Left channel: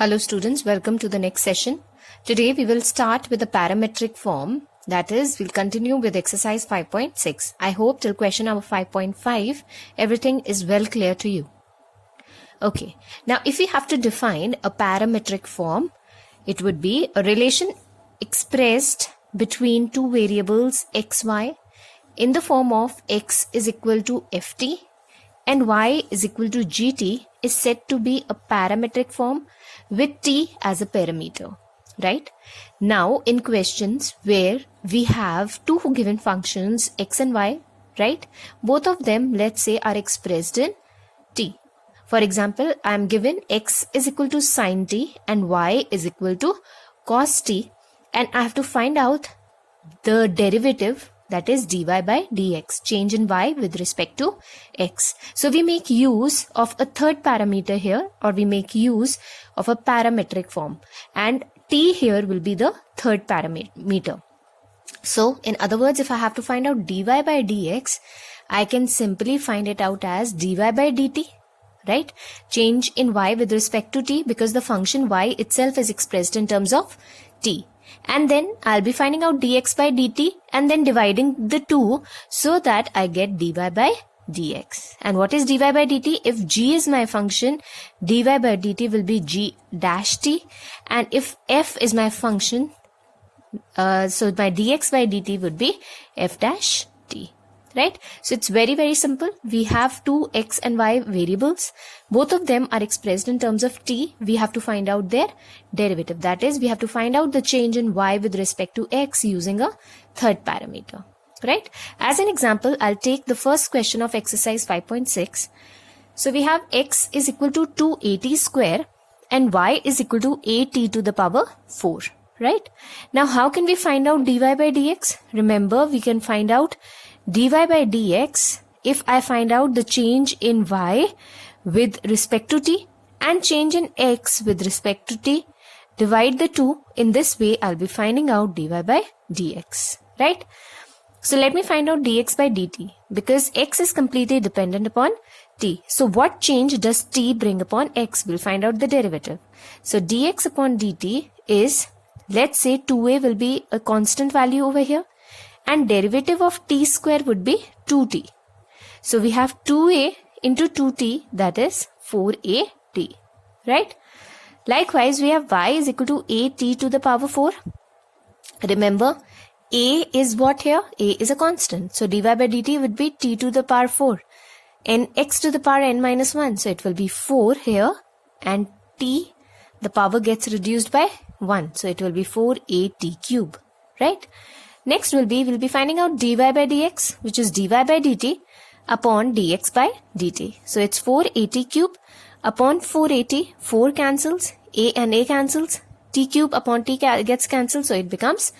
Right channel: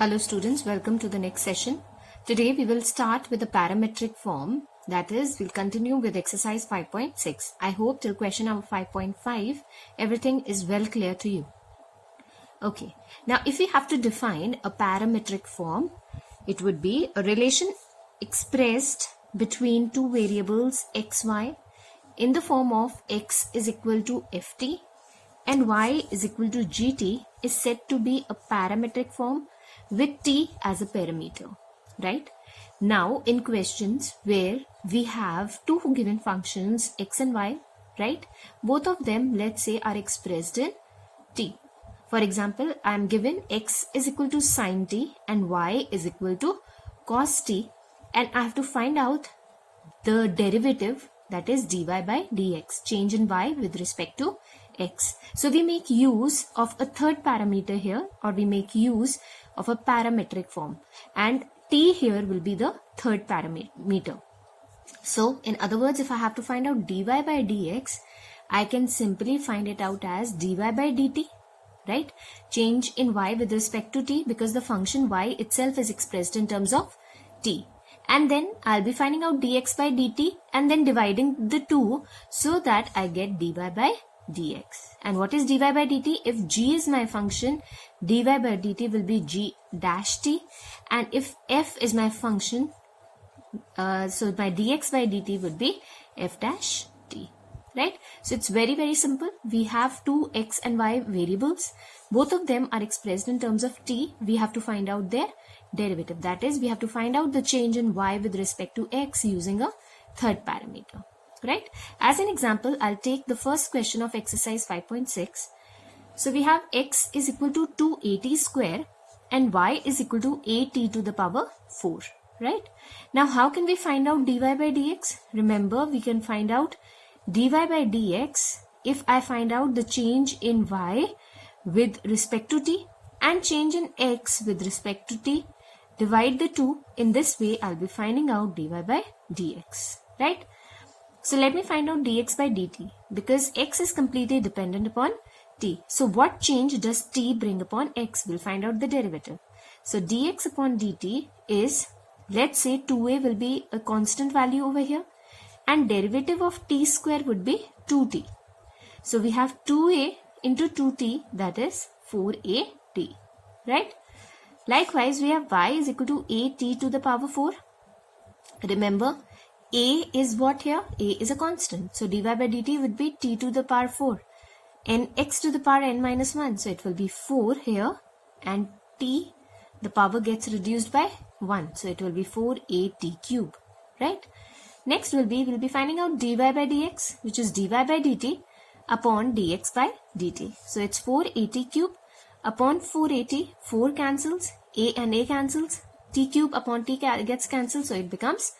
Hello students, welcome to the next session. Today we will start with the parametric form, that is we'll continue with exercise 5.6. I hope till question number 5.5 everything is well clear to you. Okay, now if we have to define a parametric form, it would be a relation expressed between two variables x, y in the form of x is equal to ft and y is equal to gt is said to be a parametric form with t as a parameter, right? Now in questions where we have two given functions x and y, right? Both of them, let's say, are expressed in t. For example, I am given x is equal to sine t and y is equal to cos t, and I have to find out the derivative, that is dy by dx, change in y with respect to x. So we make use of a third parameter here, or we make use of a parametric form, and t here will be the third parameter. So in other words, if I have to find out dy by dx, I can simply find it out as dy by dt, right? Change in y with respect to t, because the function y itself is expressed in terms of t. And then I'll be finding out dx by dt and then dividing the two so that I get dy by dx. And what is dy by dt? If g is my function, dy by dt will be g dash t, and if f is my function, so my dx by dt would be f dash t, right? So it's very simple. We have two x and y variables. Both of them are expressed in terms of t. We have to find out their derivative. That is, we have to find out the change in y with respect to x using a third parameter, right? As an example, I'll take the first question of exercise 5.6. So we have x is equal to 2at square and y is equal to at to the power 4, right? Now how can we find out dy by dx? Remember, we can find out dy by dx if I find out the change in y with respect to t and change in x with respect to t. Divide the two. In this way, I'll be finding out dy by dx, right? So let me find out dx by dt, because x is completely dependent upon t. So what change does t bring upon x? We'll find out the derivative. So dx upon dt is, let's say 2a will be a constant value over here, and derivative of t square would be 2t. So we have 2a into 2t, that is 4at, right? Likewise, we have y is equal to at to the power 4. Remember, a is what here? A is a constant. So dy by dt would be t to the power 4 and x to the power n minus 1. So it will be 4 here, and t, the power gets reduced by 1. So it will be 4at cube, right? Next we'll be finding out dy by dx, which is dy by dt upon dx by dt. So it's 4at cube upon 4at, 4 cancels, a and a cancels, t cube upon t gets cancelled, so it becomes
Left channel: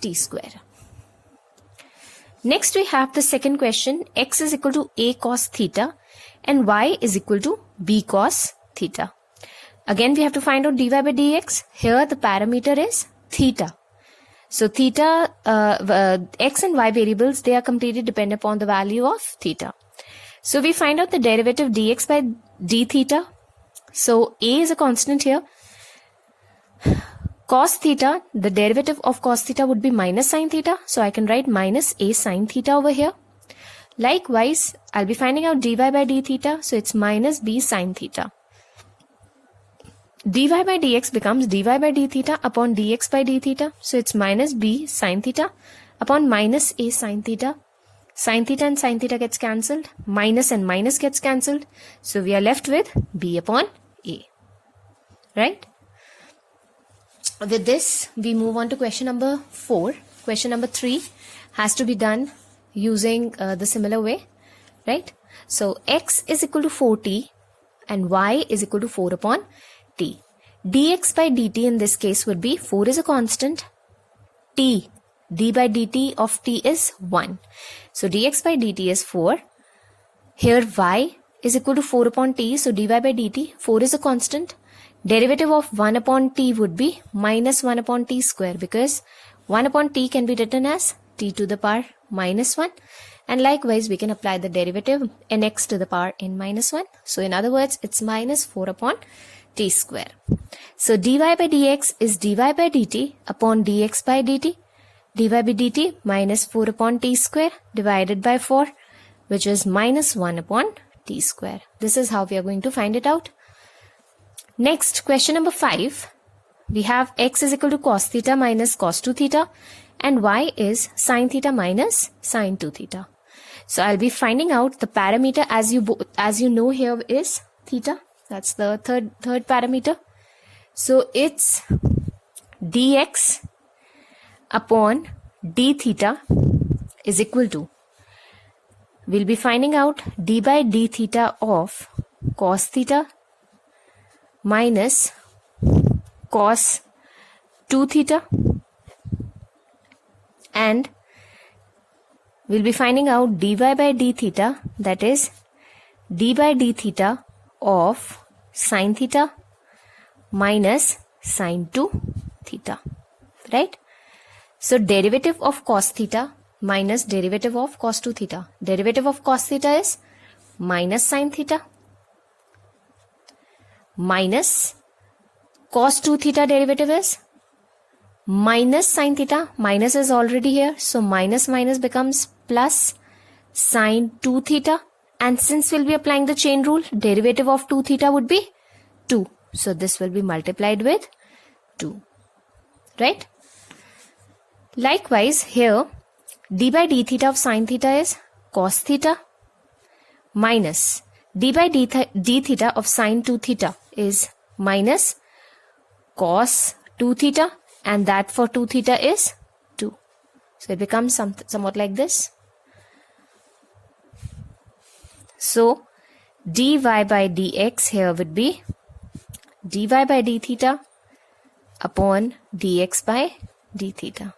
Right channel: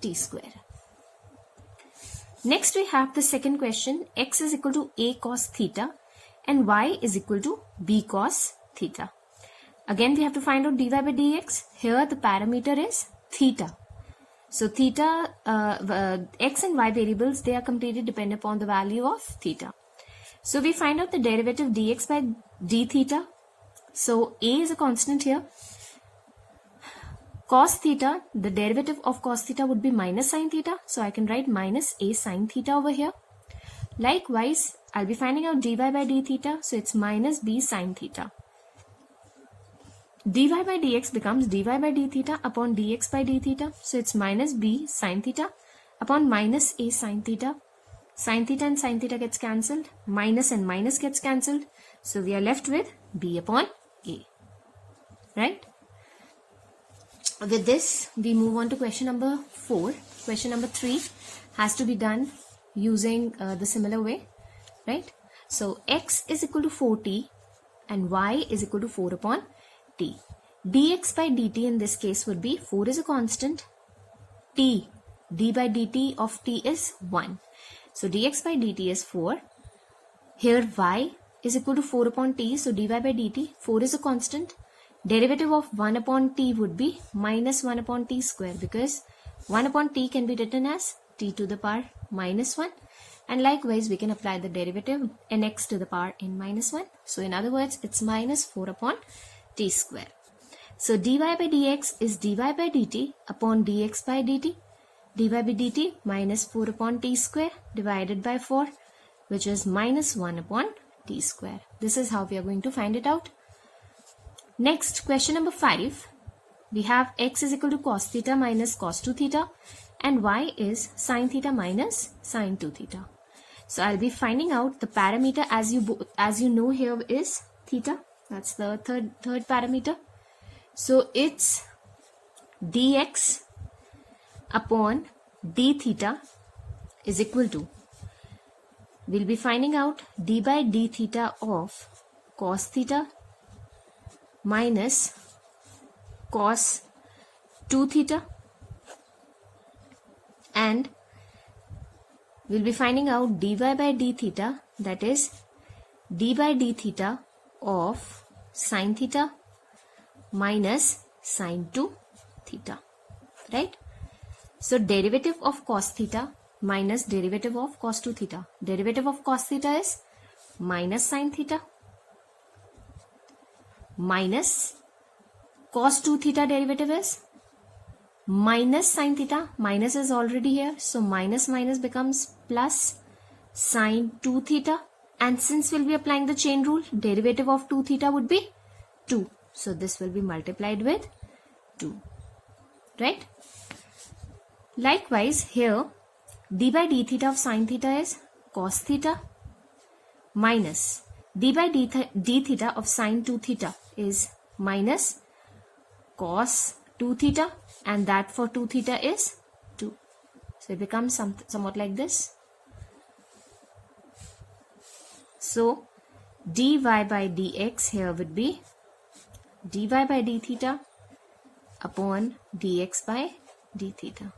t square. Next we have the second question, x is equal to a cos theta and y is equal to b cos theta. Again we have to find out dy by dx. Here the parameter is theta. So theta, x and y variables, they are completely dependent upon the value of theta. So we find out the derivative dx by d theta. So a is a constant here. Cos theta, the derivative of cos theta would be minus sine theta. So I can write minus a sine theta over here. Likewise, I'll be finding out dy by d theta. So it's minus b sine theta. dy by dx becomes dy by d theta upon dx by d theta. So it's minus b sine theta upon minus a sine theta. Sine theta and sine theta gets cancelled. Minus and minus gets cancelled. So we are left with b upon a, right? With this, we move on to question number 4. Question number 3 has to be done using the similar way, right? So x is equal to 4t and y is equal to 4 upon t. dx by dt in this case would be 4 is a constant, t, d by dt of t is 1. So dx by dt is 4. Here y is equal to 4 upon t, so dy by dt, 4 is a constant. Derivative of 1 upon t would be minus 1 upon t square, because 1 upon t can be written as t to the power minus 1. And likewise, we can apply the derivative nx to the power n minus 1. So in other words, it's minus 4 upon t square. So dy by dx is dy by dt upon dx by dt. dy by dt minus 4 upon t square divided by 4, which is minus 1 upon t square. This is how we are going to find it out. Next, question number 5. We have x is equal to cos theta minus cos 2 theta and y is sin theta minus sin 2 theta. So I'll be finding out the parameter as you know here is theta. That's the third parameter. So it's dx upon d theta is equal to, we'll be finding out d by d theta of cos theta minus cos 2 theta, and we'll be finding out dy by d theta, that is d by d theta of sin theta minus sin 2 theta, right? So derivative of cos theta minus derivative of cos 2 theta. Derivative of cos theta is minus sin theta minus cos 2 theta derivative is minus sin theta. Minus is already here, so minus minus becomes plus sin 2 theta, and since we'll be applying the chain rule, derivative of 2 theta would be 2. So this will be multiplied with 2, right? Likewise here, d by d theta of sin theta is cos theta minus d by d theta of sin 2 theta is minus cos 2 theta, and that for 2 theta is 2. So it becomes somewhat like this. So dy by dx here would be dy by d theta upon dx by d theta.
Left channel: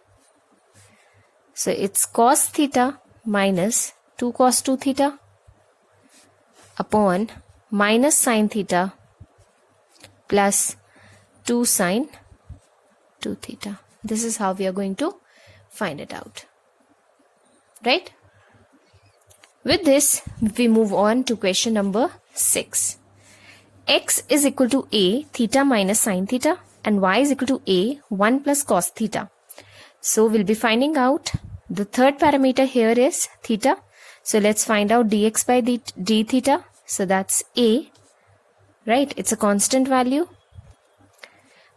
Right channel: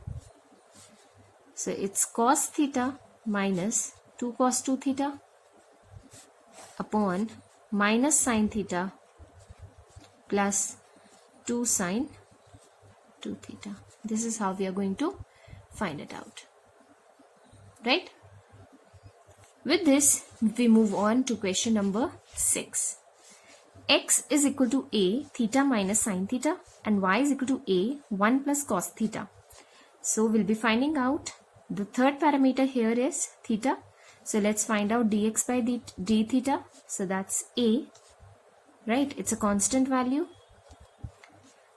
So it's cos theta minus 2 cos 2 theta upon minus sin theta plus 2 sin 2 theta. This is how we are going to find it out, right? With this, we move on to question number 6. X is equal to a theta minus sin theta and y is equal to a 1 plus cos theta. So we'll be finding out the third parameter here is theta. So let's find out dx by d theta. So that's a, right? It's a constant value.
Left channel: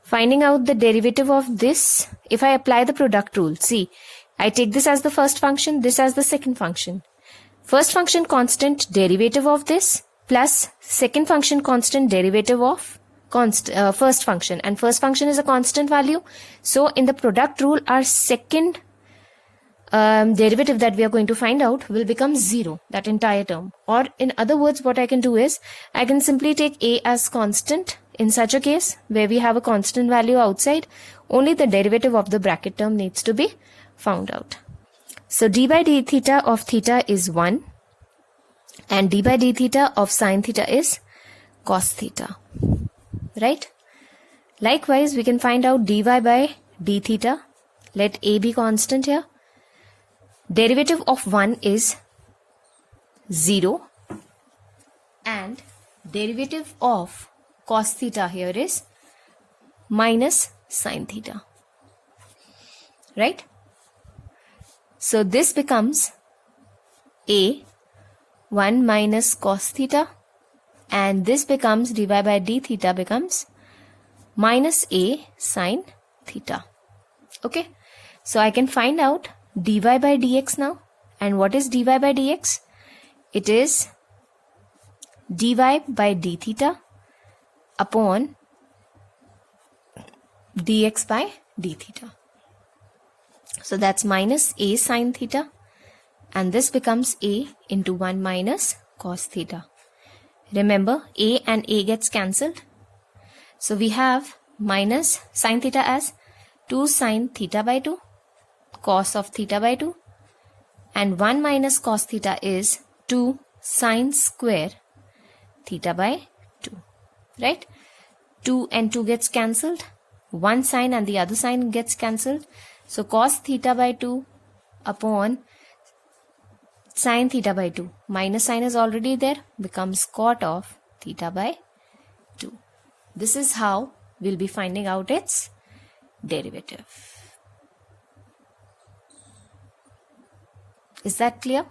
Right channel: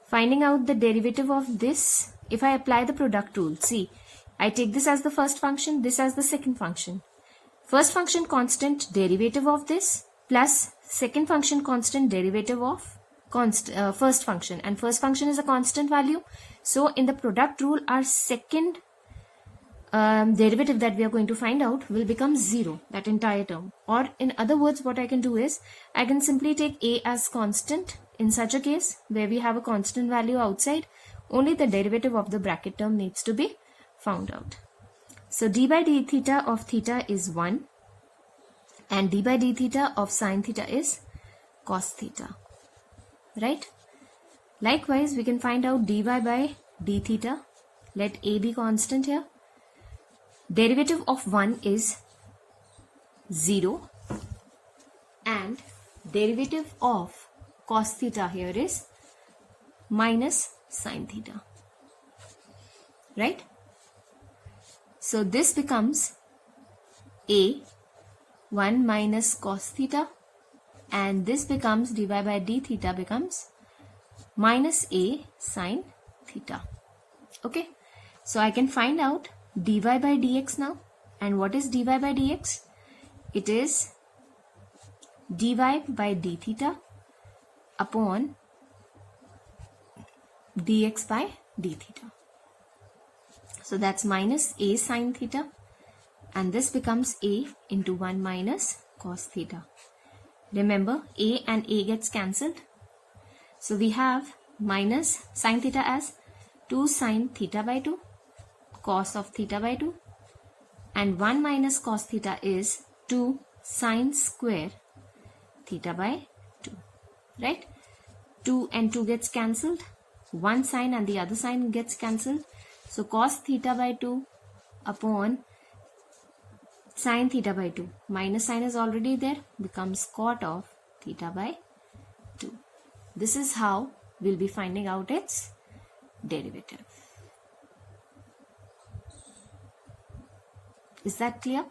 Finding out the derivative of this, if I apply the product rule, see, I take this as the first function, this as the second function. First function constant derivative of this plus second function constant derivative of first function, and first function is a constant value. So in the product rule, our second derivative that we are going to find out will become 0, that entire term. Or in other words, what I can do is I can simply take a as constant. In such a case where we have a constant value outside, only the derivative of the bracket term needs to be found out. So d by d theta of theta is 1 and d by d theta of sin theta is cos theta, right? Likewise, we can find out dy by d theta. Let a be constant here. Derivative of 1 is 0 and derivative of cos theta here is minus sin theta, right? So this becomes a 1 minus cos theta, and this becomes dy by d theta becomes minus a sin theta. Okay, so I can find out dy by dx now. And what is dy by dx? It is dy by d theta upon dx by d theta. So that's minus a sin theta, and this becomes a into 1 minus cos theta. Remember, a and a gets cancelled. So we have minus sin theta as 2 sin theta by 2, cos of theta by 2, and 1 minus cos theta is 2 sin square theta by 2. Right? 2 and 2 gets cancelled. One sign and the other sign gets cancelled. So cos theta by 2 upon sin theta by 2. Minus sign is already there. Becomes cot of theta by 2. This is how we'll be finding out its derivative. Is that clear?